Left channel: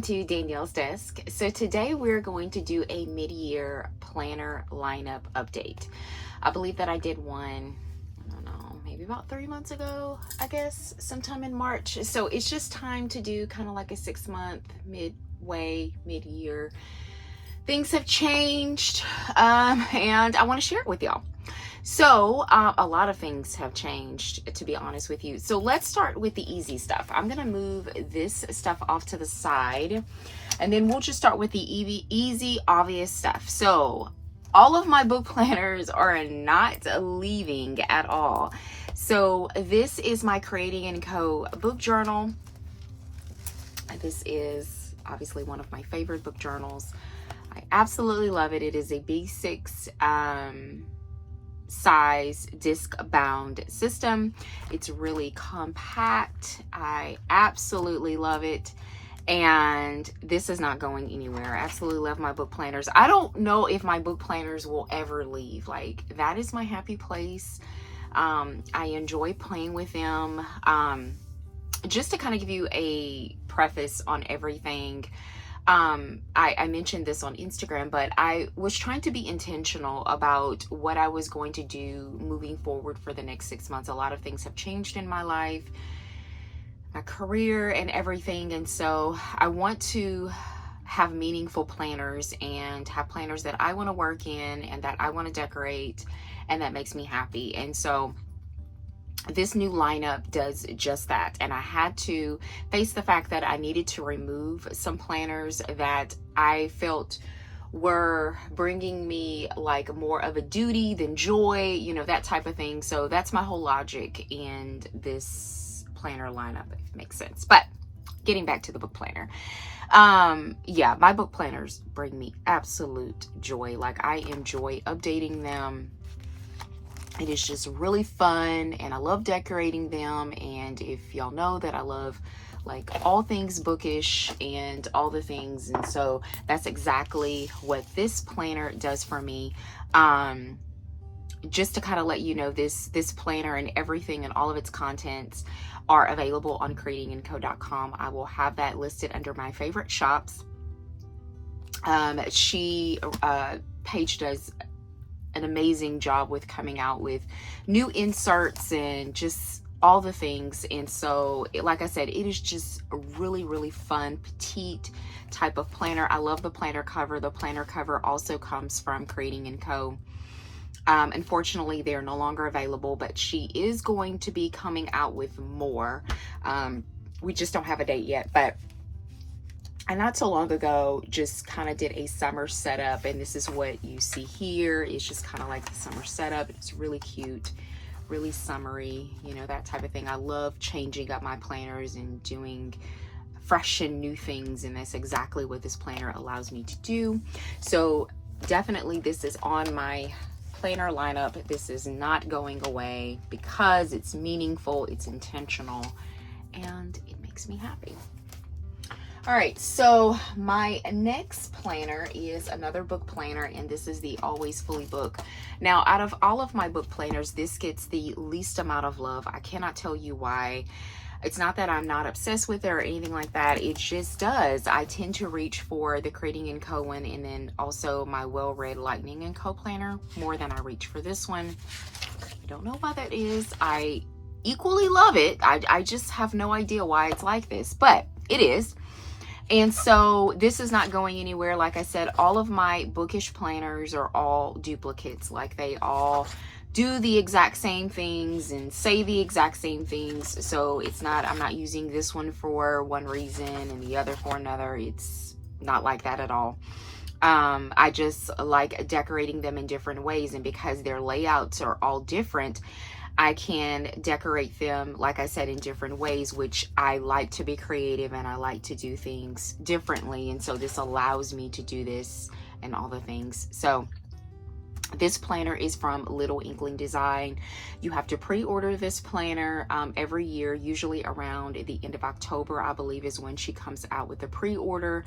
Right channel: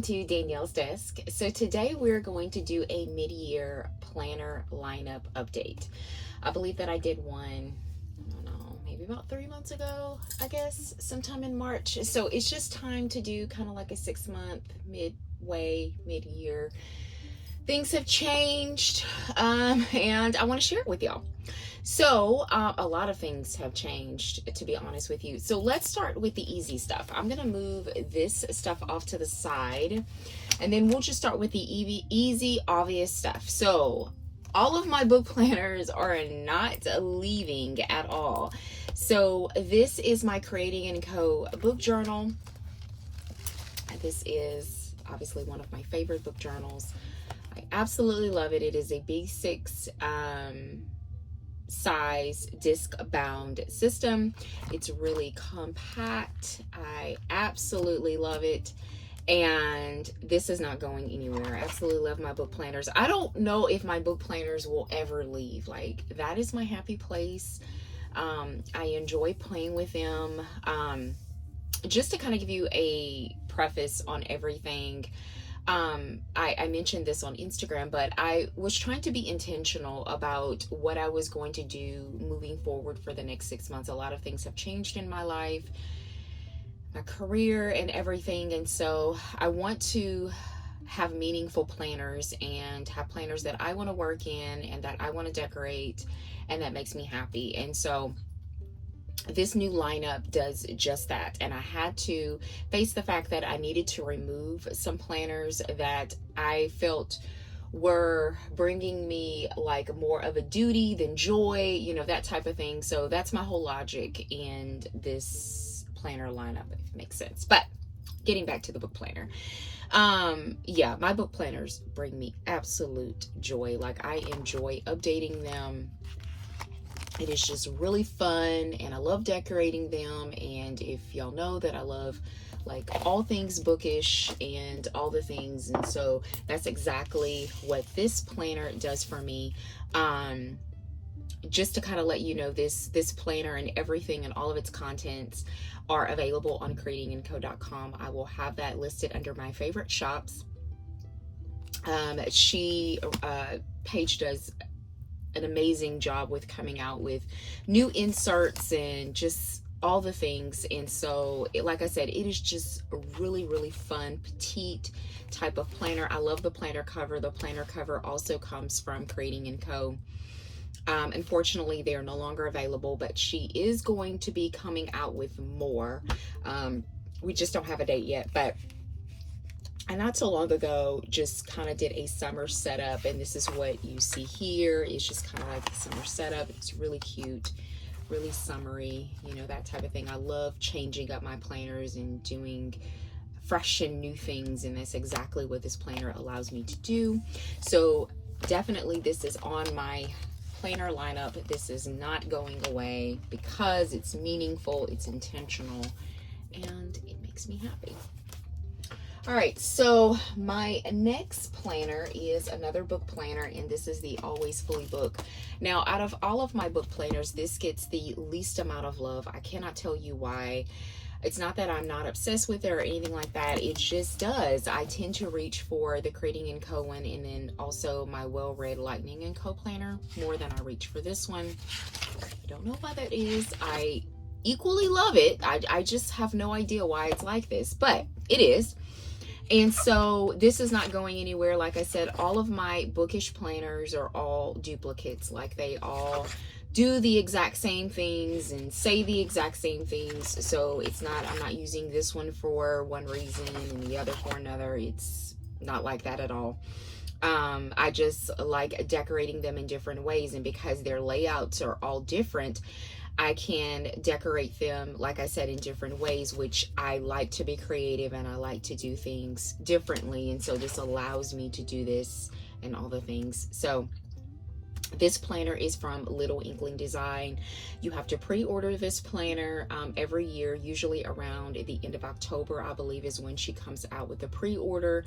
welcome to Danielle's Desk. So today we're going to do a mid-year planner lineup update. I believe that I did one, I don't know, maybe about 3 months ago, I guess, sometime in March. So it's just time to do kind of like a 6-month mid-year. Things have changed, and I want to share it with y'all. So a lot of things have changed, to be honest with you. So let's start with the easy stuff. I'm going to move this stuff off to the side, and then we'll just start with the easy, obvious stuff. So all of my book planners are not leaving at all. So this is my Creating & Co. book journal. This is obviously one of my favorite book journals. I absolutely love it. It is a B6 size disc bound system. It's really compact. I absolutely love it, and this is not going anywhere. I absolutely love my book planners. I don't know if my book planners will ever leave. Like, that is my happy place. I enjoy playing with them. Just to kind of give you a preface on everything, I mentioned this on Instagram, but I was trying to be intentional about what I was going to do moving forward for the next 6 months. A lot of things have changed in my life, my career and everything. And so I want to have meaningful planners and have planners that I want to work in and that I want to decorate and that makes me happy. And so this new lineup does just that, and I had to face the fact that I needed to remove some planners that I felt were bringing me like more of a duty than joy, you know, that type of thing. So that's my whole logic in this planner lineup, if it makes sense. But getting back to the book planner, yeah, my book planners bring me absolute joy. Like, I enjoy updating them. It is just really fun, and I love decorating them. And if y'all know that I love like all things bookish and all the things, and so that's exactly what this planner does for me. Just to kind of let you know, this planner and everything and all of its contents are available on creatingandco.com. I will have that listed under my favorite shops. Paige does an amazing job with coming out with new inserts and just all the things. And so, like I said, it is just a really, really fun, petite type of planner. I love the planner cover. The planner cover also comes from Creating & Co. Unfortunately, they're no longer available, but she is going to be coming out with more. We just don't have a date yet, but I not so long ago just kind of did a summer setup, and this is what you see here. It's just kind of like the summer setup. It's really cute, really summery, you know, that type of thing. I love changing up my planners and doing fresh and new things, and that's exactly what this planner allows me to do. So definitely this is on my planner lineup. This is not going away because it's meaningful, it's intentional, and it makes me happy. All right, so my next planner is another book planner, and this is the Always Fully Book. Now, out of all of my book planners, this gets the least amount of love. I cannot tell you why. It's not that I'm not obsessed with it or anything like that. It just does. I tend to reach for the Creating & Co. one, and then also my well-read Lightning & Co. planner more than I reach for this one. I don't know why that is. I equally love it. I just have no idea why it's like this, but it is. And so this is not going anywhere. Like I said, all of my bookish planners are all duplicates. Like, they all do the exact same things and say the exact same things. So it's not, I'm not using this one for one reason and the other for another. It's not like that at all. I just like decorating them in different ways. And because their layouts are all different, I can decorate them, like I said, in different ways, which I like to be creative and I like to do things differently. And so this allows me to do this and all the things. So This planner is from Little Inkling Design. You have to pre-order this planner every year, usually around the end of October, I believe, is when she comes out with the pre-order.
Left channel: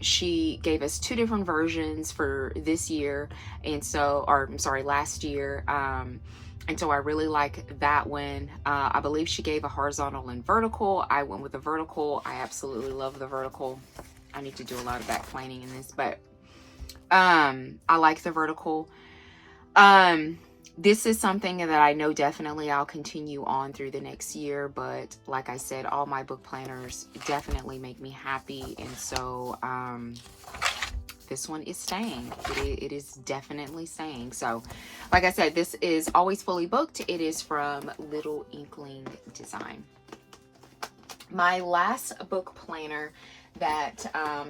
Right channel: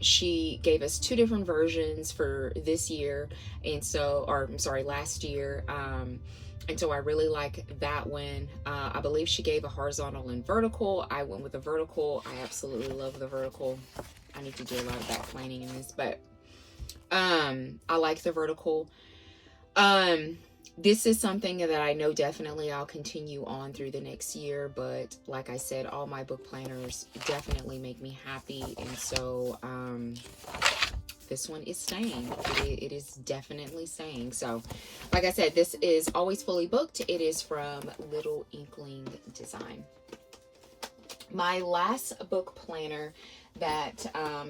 She gave us 2 different versions for this year, and so, or I'm sorry, last year. And so I really like that one. I believe she gave a horizontal and vertical. I went with the vertical. I absolutely love the vertical. I need to do a lot of back planning in this, but I like the vertical. This is something that I know definitely I'll continue on through the next year, but like I said, all my book planners definitely make me happy, and so this one is staying. It is definitely staying. So like I said, this is always fully booked. It is from Little Inkling Design. My last book planner that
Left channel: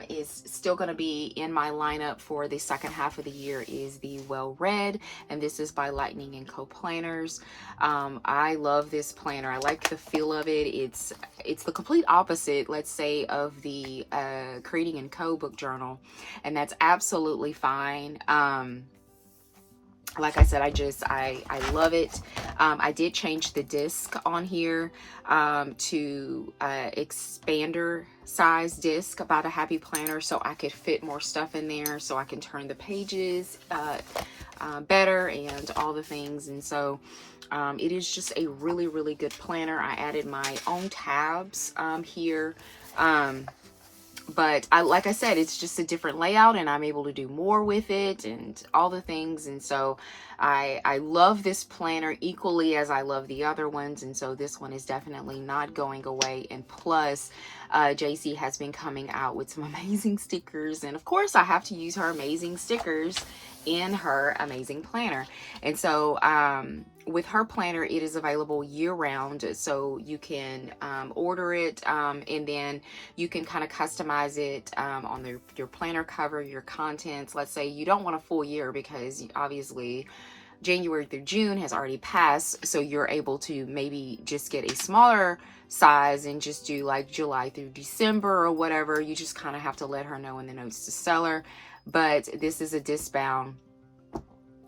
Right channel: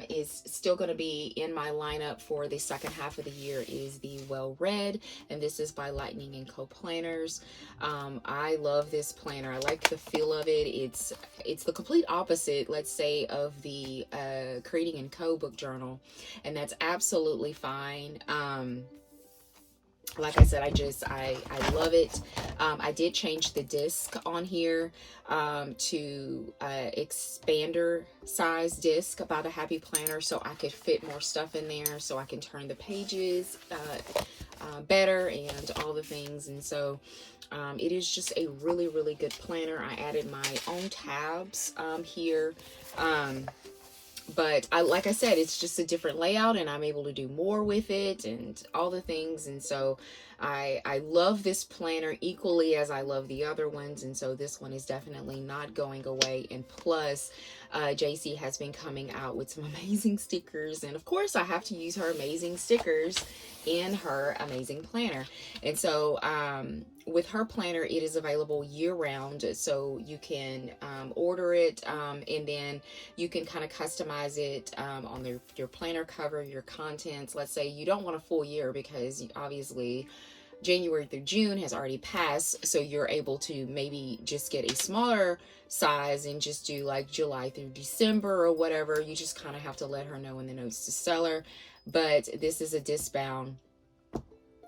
is still going to be in my lineup for the second half of the year is the Well Read, and this is by Lightning & Co. Planners. I love this planner. I like the feel of it. It's the complete opposite, let's say, of the Creating & Co. book journal, and that's absolutely fine. Like I said, I love it. I did change the disc on here to expander size disc by the Happy Planner, so I could fit more stuff in there, so I can turn the pages better and all the things. And so it is just a really, really good planner. I added my own tabs here. But like I said, it's just a different layout, and I'm able to do more with it and all the things. And so I love this planner equally as I love the other ones. And so this one is definitely not going away. And plus, JC has been coming out with some amazing stickers. And of course, I have to use her amazing stickers in her amazing planner. And so with her planner, it is available year round, so you can order it, and then you can kind of customize it on your planner cover, your contents. Let's say you don't want a full year, because obviously January through June has already passed, so you're able to maybe just get a smaller size and just do like July through December or whatever. You just kind of have to let her know in the notes to seller. But this is a disc bound,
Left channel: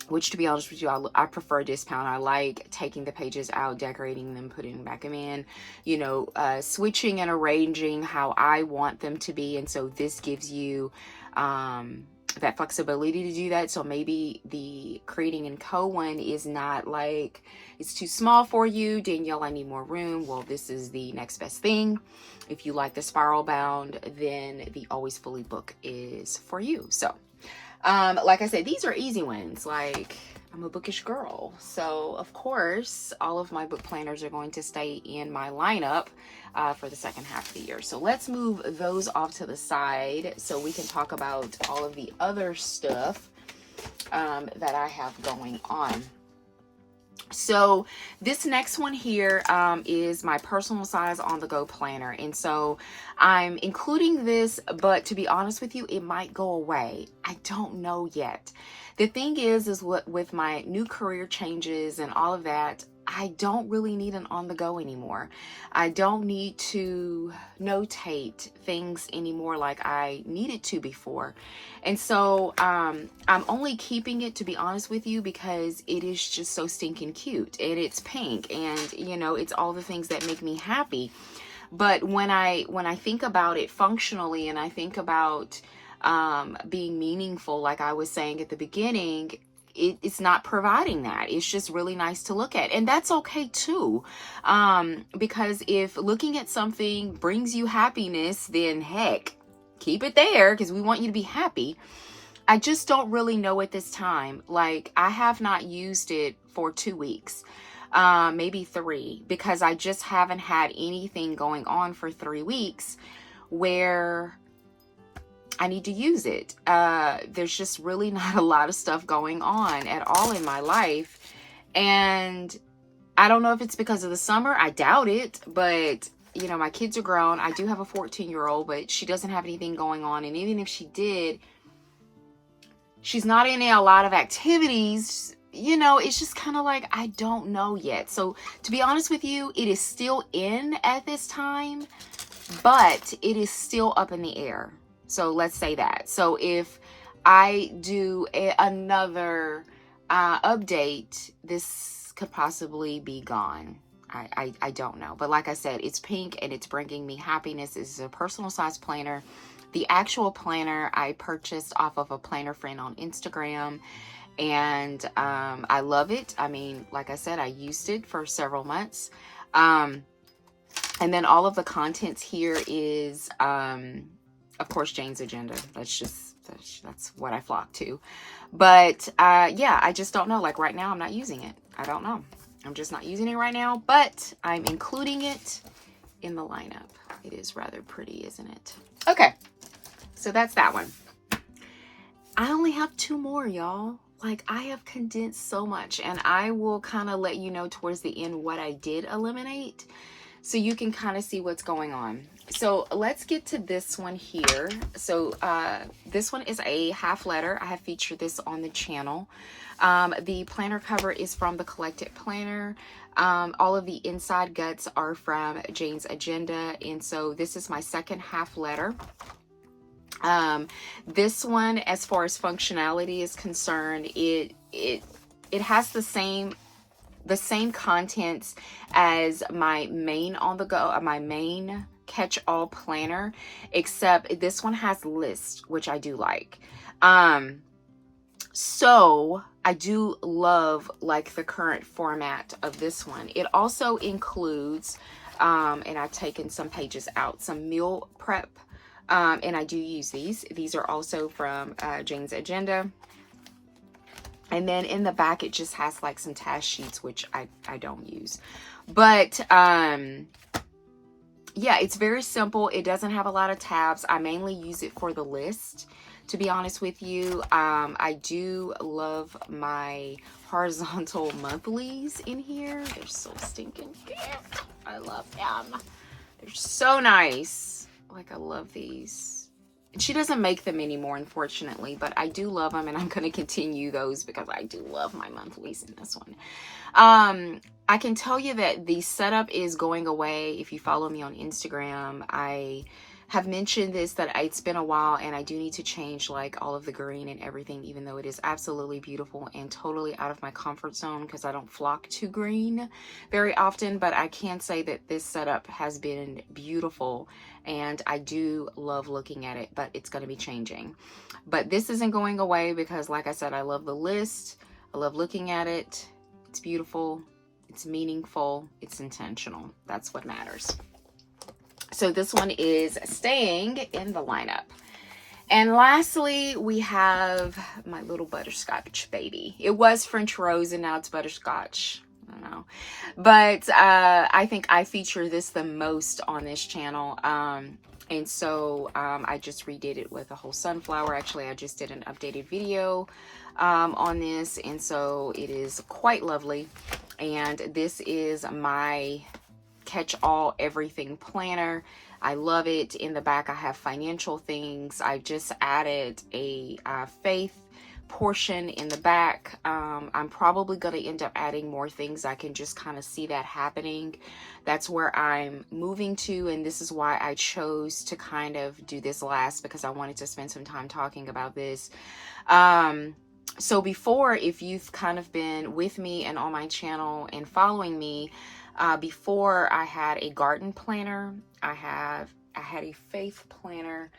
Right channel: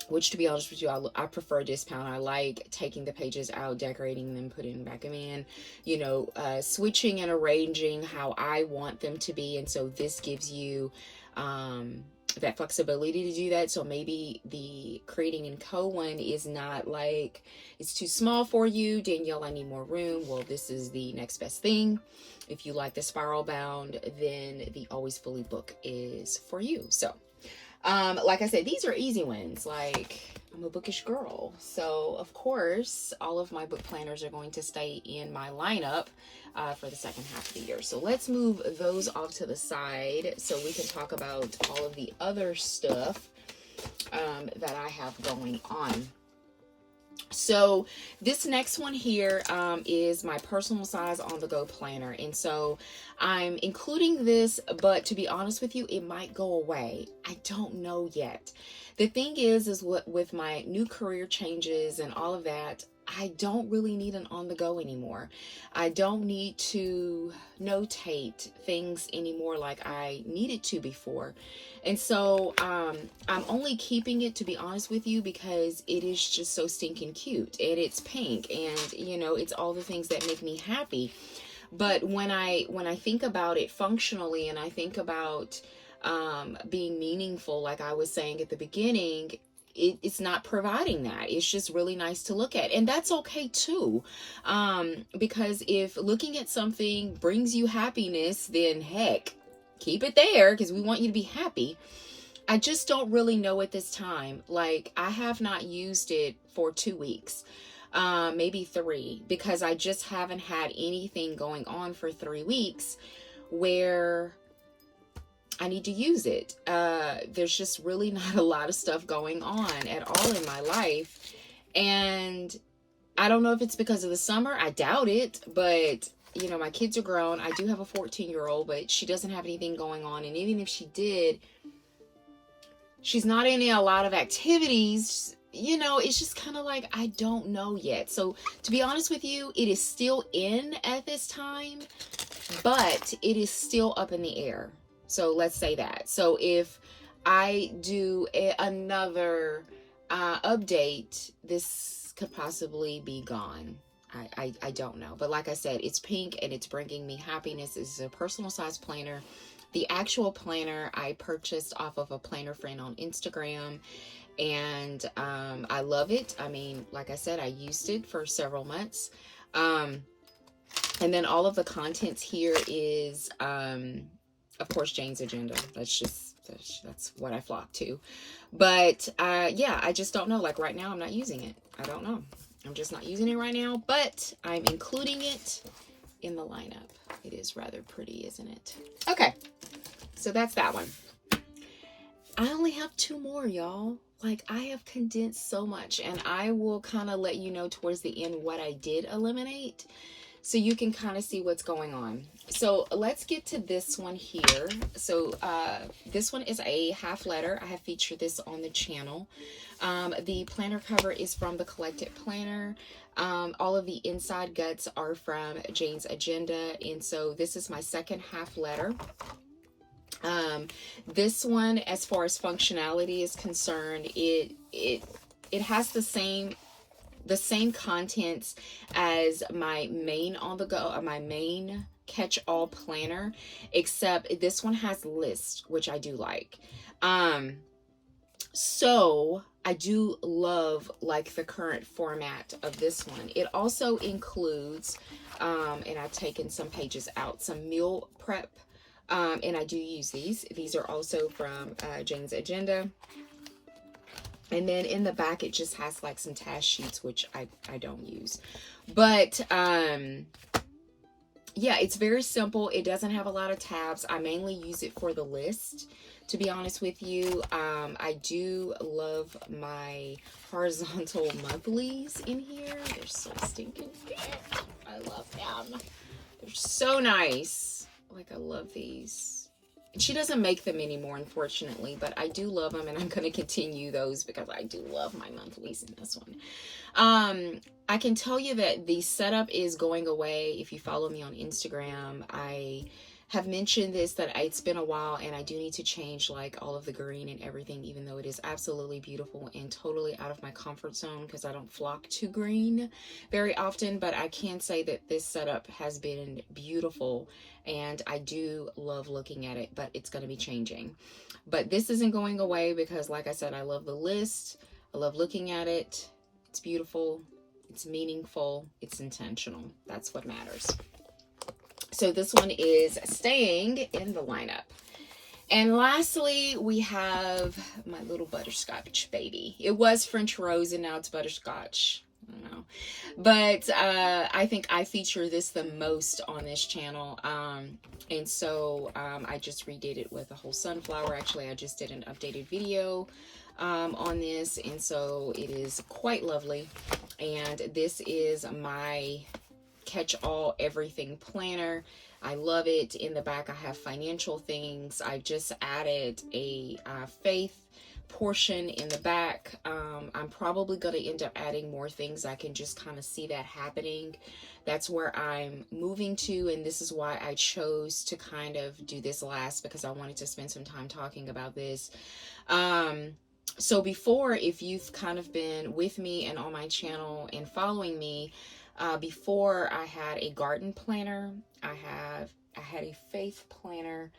which, to be honest with you, I prefer disc bound. I like taking the pages out, decorating them, putting them back in, you know, switching and arranging how I want them to be. And so this gives you that flexibility to do that. So maybe the Creating & Co. one is not like, it's too small for you. Danielle, I need more room. Well, this is the next best thing. If you like the spiral bound, then the Always Fully book is for you. So like I said, these are easy ones. Like, I'm a bookish girl, so of course all of my book planners are going to stay in my lineup for the second half of the year. So let's move those off to the side so we can talk about all of the other stuff that I have going on. So this next one here is my personal size on the go planner, and so I'm including this, but to be honest with you, it might go away. I don't know yet. The thing is what with my new career changes and all of that, I don't really need an on the go anymore. I don't need to notate things anymore like I needed to before. And so I'm only keeping it, to be honest with you, because it is just so stinking cute, and it's pink, and you know, it's all the things that make me happy. But when I think about it functionally, and I think about being meaningful, like I was saying at the beginning, it's not providing that. It's just really nice to look at, and that's okay too, because if looking at something brings you happiness, then heck, keep it there, because we want you to be happy. I just don't really know at this time. Like, I have not used it for 2 weeks, maybe 3, because I just haven't had anything going on for 3 weeks where I need to use it. There's just really not a lot of stuff going on at all in my life. And I don't know if it's because of the summer. I doubt it, but you know, my kids are grown. I do have a 14-year-old, but she doesn't have anything going on. And even if she did, she's not in a lot of activities. You know, it's just kind of like, I don't know yet. So to be honest with you, it is still in at this time, but it is still up in the air. So let's say that. So if I do another update, this could possibly be gone. I don't know. But like I said, it's pink and it's bringing me happiness. This is a personal size planner. The actual planner I purchased off of a planner friend on Instagram. And I love it. I mean, like I said, I used it for several months. And then all of the contents here is, of course, Jane's agenda. That's what I flock to. But yeah, I just don't know. Like right now, I'm not using it. I don't know. I'm just not using it right now, but I'm including it in the lineup. It is rather pretty, isn't it? Okay, so that's that one. I only have 2 more, y'all. Like, I have condensed so much, and I will kind of let you know towards the end what I did eliminate, so you can kind of see what's going on. So let's get to this one here. So this one is a half letter. I have featured this on the channel. The planner cover is from the Collected Planner. All of the inside guts are from Jane's Agenda. And so this is my second half letter. This one, as far as functionality is concerned, it has the same contents as my main on the go, my main catch-all planner, except this one has lists, which I do like. So I do love like the current format of this one. It also includes, and I've taken some pages out, some meal prep, and I do use these. These are also from Jane's Agenda. And then in the back, it just has like some task sheets, which I don't use. But yeah, it's very simple. It doesn't have a lot of tabs. I mainly use it for the list, to be honest with you. I do love my horizontal monthlies in here. They're so stinking cute. I love them. They're so nice. Like, I love these. She doesn't make them anymore, unfortunately, but I do love them, and I'm going to continue those because I do love my monthlies in this one. I can tell you that the setup is going away. If you follow me on Instagram, I have mentioned this, that it's been a while, and I do need to change like all of the green and everything, even though it is absolutely beautiful and totally out of my comfort zone because I don't flock to green very often. But I can say that this setup has been beautiful, and I do love looking at it, but it's going to be changing. But this isn't going away because, like I said, I love the list. I love looking at it. It's beautiful. It's meaningful. It's intentional. That's what matters. So this one is staying in the lineup. And lastly, we have my little butterscotch baby. It was French rose and now it's butterscotch. I don't know. But I think I feature this the most on this channel. And so I just redid it with a whole sunflower. Actually, I just did an updated video on this. And so it is quite lovely. And this is my catch-all everything planner. I love it. In the back, I have financial things. I just added a faith portion in the back. I'm probably going to end up adding more things. I can just kind of see that happening. That's where I'm moving to, and this is why I chose to kind of do this last, because I wanted to spend some time talking about this. So before, if you've kind of been with me and on my channel and following me, before I had a garden planner, I had a faith planner.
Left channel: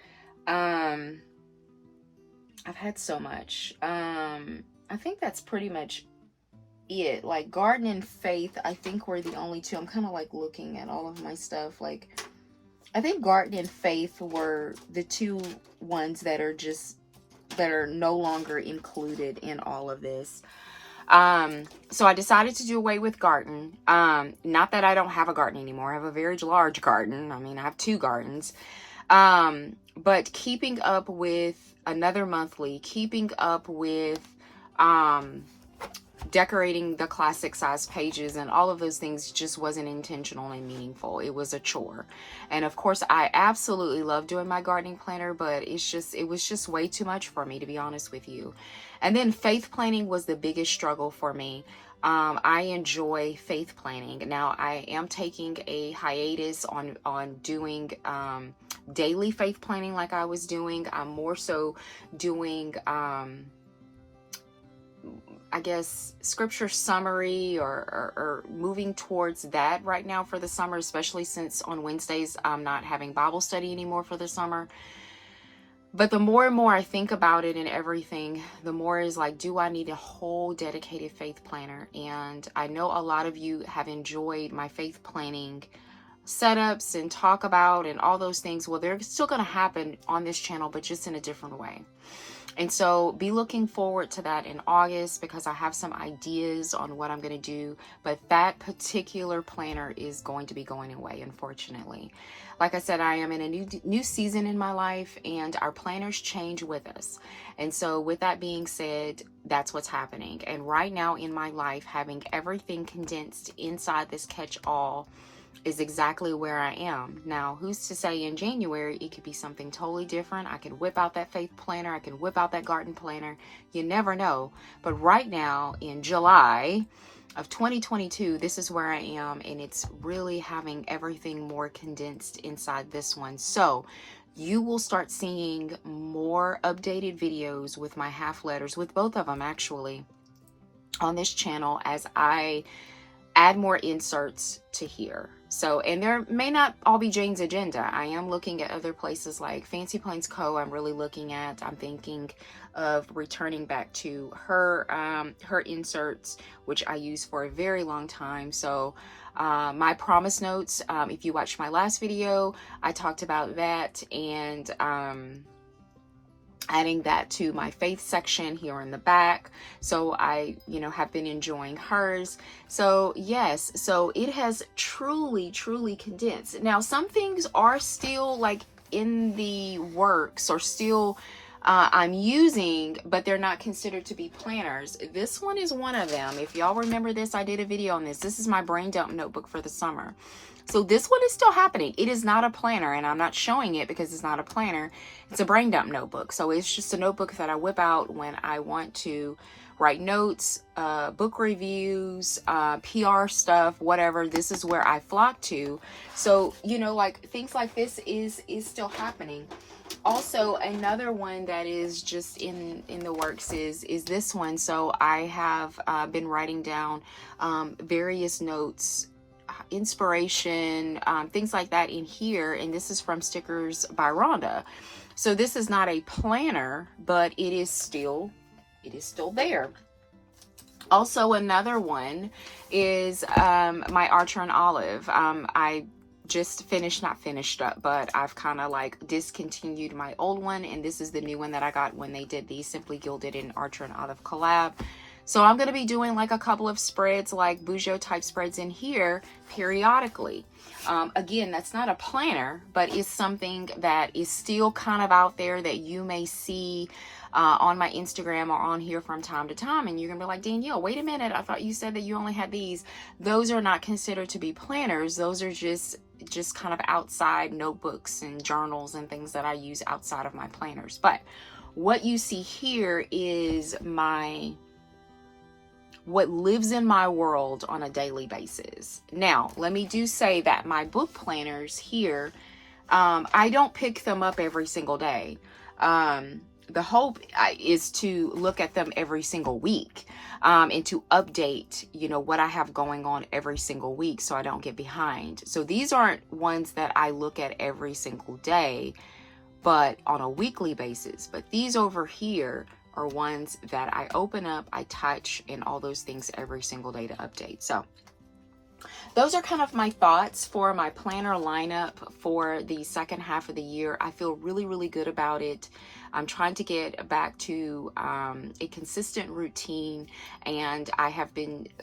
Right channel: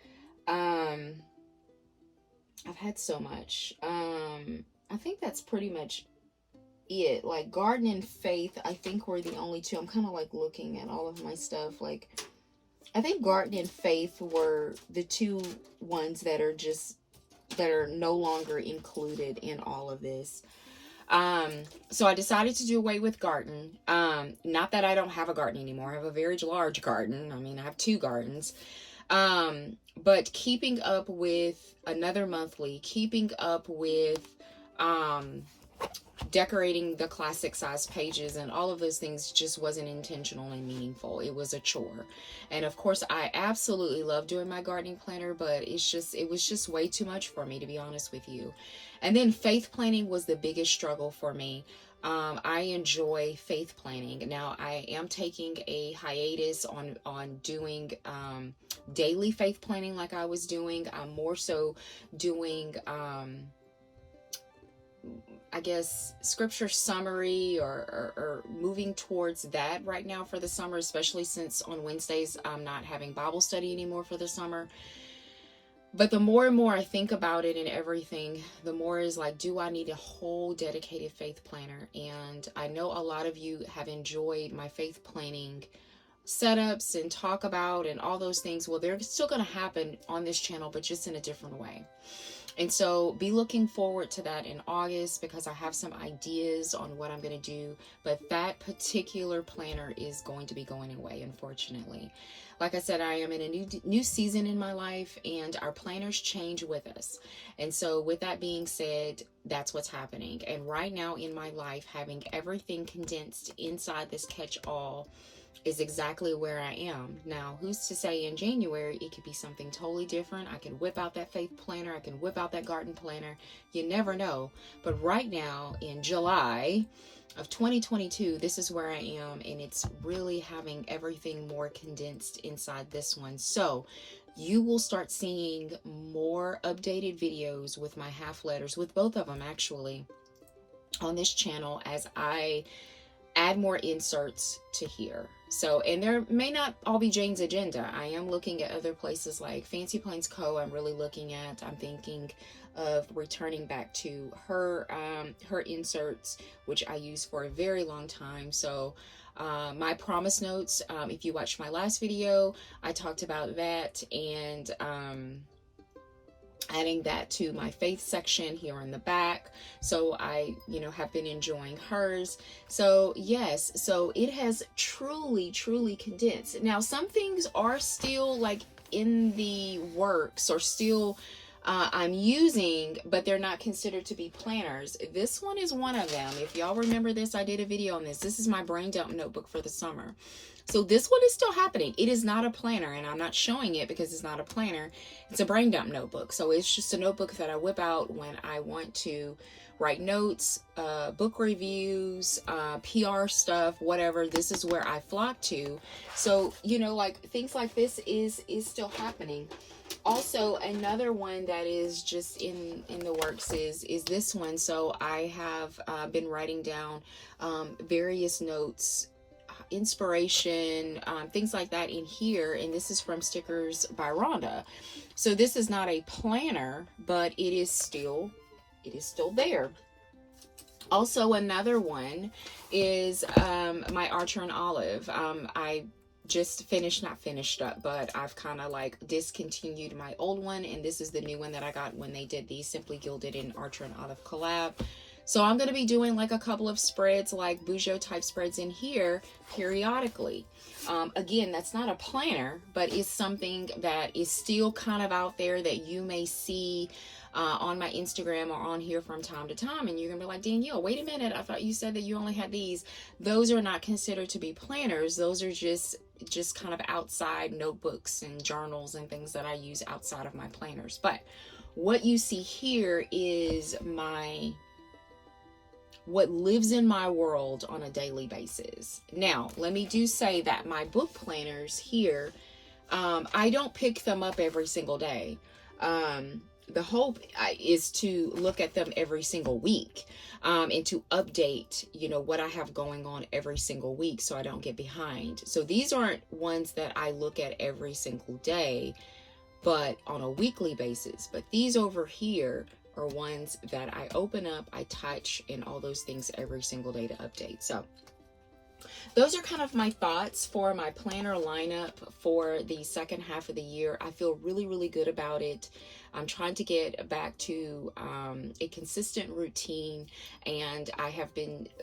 I've had so much. I think that's pretty much it. Like garden and faith, I think were the only two. I'm kind of like looking at all of my stuff. Like, I think garden and faith were the two ones that are no longer included in all of this. So I decided to do away with garden. Not that I don't have a garden anymore. I have a very large garden. I mean, I have 2 gardens. But keeping up with another monthly, keeping up with, decorating the classic size pages and all of those things just wasn't intentional and meaningful. It was a chore. And of course, I absolutely love doing my gardening planner, but it was just way too much for me, to be honest with you. And then faith planning was the biggest struggle for me. I enjoy faith planning. Now, I am taking a hiatus on doing daily faith planning like I was doing. I'm more so doing I guess scripture summary or moving towards that right now for the summer, especially since on Wednesdays I'm not having Bible study anymore for the summer. But the more and more I think about it and everything, the more is like, do I need a whole dedicated faith planner? And I know a lot of you have enjoyed my faith planning setups and talk about and all those things. Well, they're still going to happen on this channel, but just in a different way. And so be looking forward to that in August, because I have some ideas on what I'm going to do. But that particular planner is going to be going away, unfortunately. Like I said, I am in a new season in my life, and our planners change with us. And so with that being said, that's what's happening. And right now in my life, having everything condensed inside this catch-all is exactly where I am. Now, who's to say in January it could be something totally different? I can whip out that faith planner. I can whip out that garden planner. You never know. But right now in July of 2022, this is where I am, and it's really having everything more condensed inside this one. So you will start seeing more updated videos with my half letters, with both of them actually, on this channel as I add more inserts to here. So, and there may not all be Jane's agenda. I am looking at other places like Fancy Plains Co. I'm really looking at. I'm thinking of returning back to her her inserts, which I used for a very long time. So my promise notes, if you watched my last video, I talked about that, and adding that to my faith section here in the back. So I, have been enjoying hers. So yes, so it has truly condensed. Now, some things are still like in the works, or still I'm using, but they're not considered to be planners. This one is one of them. If y'all remember this, I did a video on this. This is my brain dump notebook for the summer. So this one is still happening. It is not a planner, and I'm not showing it because it's not a planner. It's a brain dump notebook. So it's just a notebook that I whip out when I want to write notes, book reviews, PR stuff, whatever. This is where I flock to. So, like things like this is still happening. Also, another one that is just in the works is this one. So I have been writing down various notes, inspiration, things like that in here, and this is from Stickers by Rhonda. So this is not a planner, but it is still there. Also, another one is my Archer and Olive. I just not finished up, but I've kind of like discontinued my old one, and this is the new one that I got when they did the Simply Gilded and Archer and Olive collab. So I'm going to be doing like a couple of spreads, like Bujo type spreads in here periodically. Again, that's not a planner, but it's something that is still kind of out there that you may see on my Instagram or on here from time to time. And you're going to be like, Danielle, wait a minute. I thought you said that you only had these. Those are not considered to be planners. Those are just kind of outside notebooks and journals and things that I use outside of my planners. But what you see here is what lives in my world on a daily basis. Now, let me say that my book planners here, I don't pick them up every single day. The hope is to look at them every single week, and to update, what I have going on every single week, so I don't get behind. So these aren't ones that I look at every single day, but on a weekly basis. But these over here are ones that I open up, I touch, and all those things every single day to update. So those are kind of my thoughts for my planner lineup for the second half of the year. I feel really good about it. I'm trying to get back to a consistent routine, and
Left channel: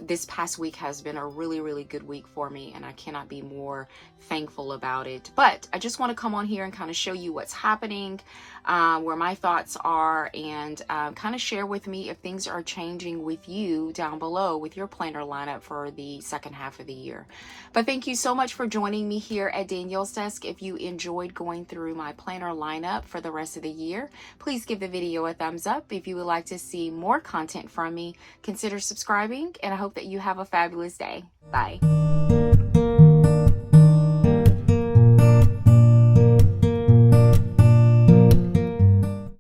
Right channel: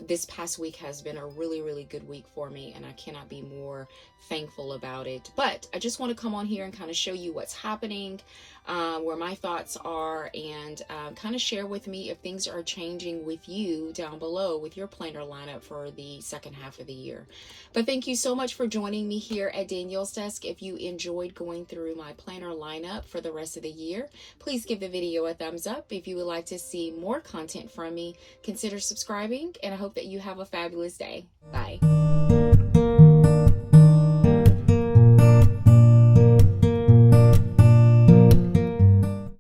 this past week has been a really good week for me, and I cannot be more thankful about it. But I just want to come on here and kind of show you what's happening, where my thoughts are, and kind of share with me if things are changing with you down below with your planner lineup for the second half of the year. But thank you so much for joining me here at Danielle's Desk. If you enjoyed going through my planner lineup for the rest of the year, please give the video a thumbs up. If you would like to see more content from me, consider subscribing, and I hope that you have a fabulous day. Bye.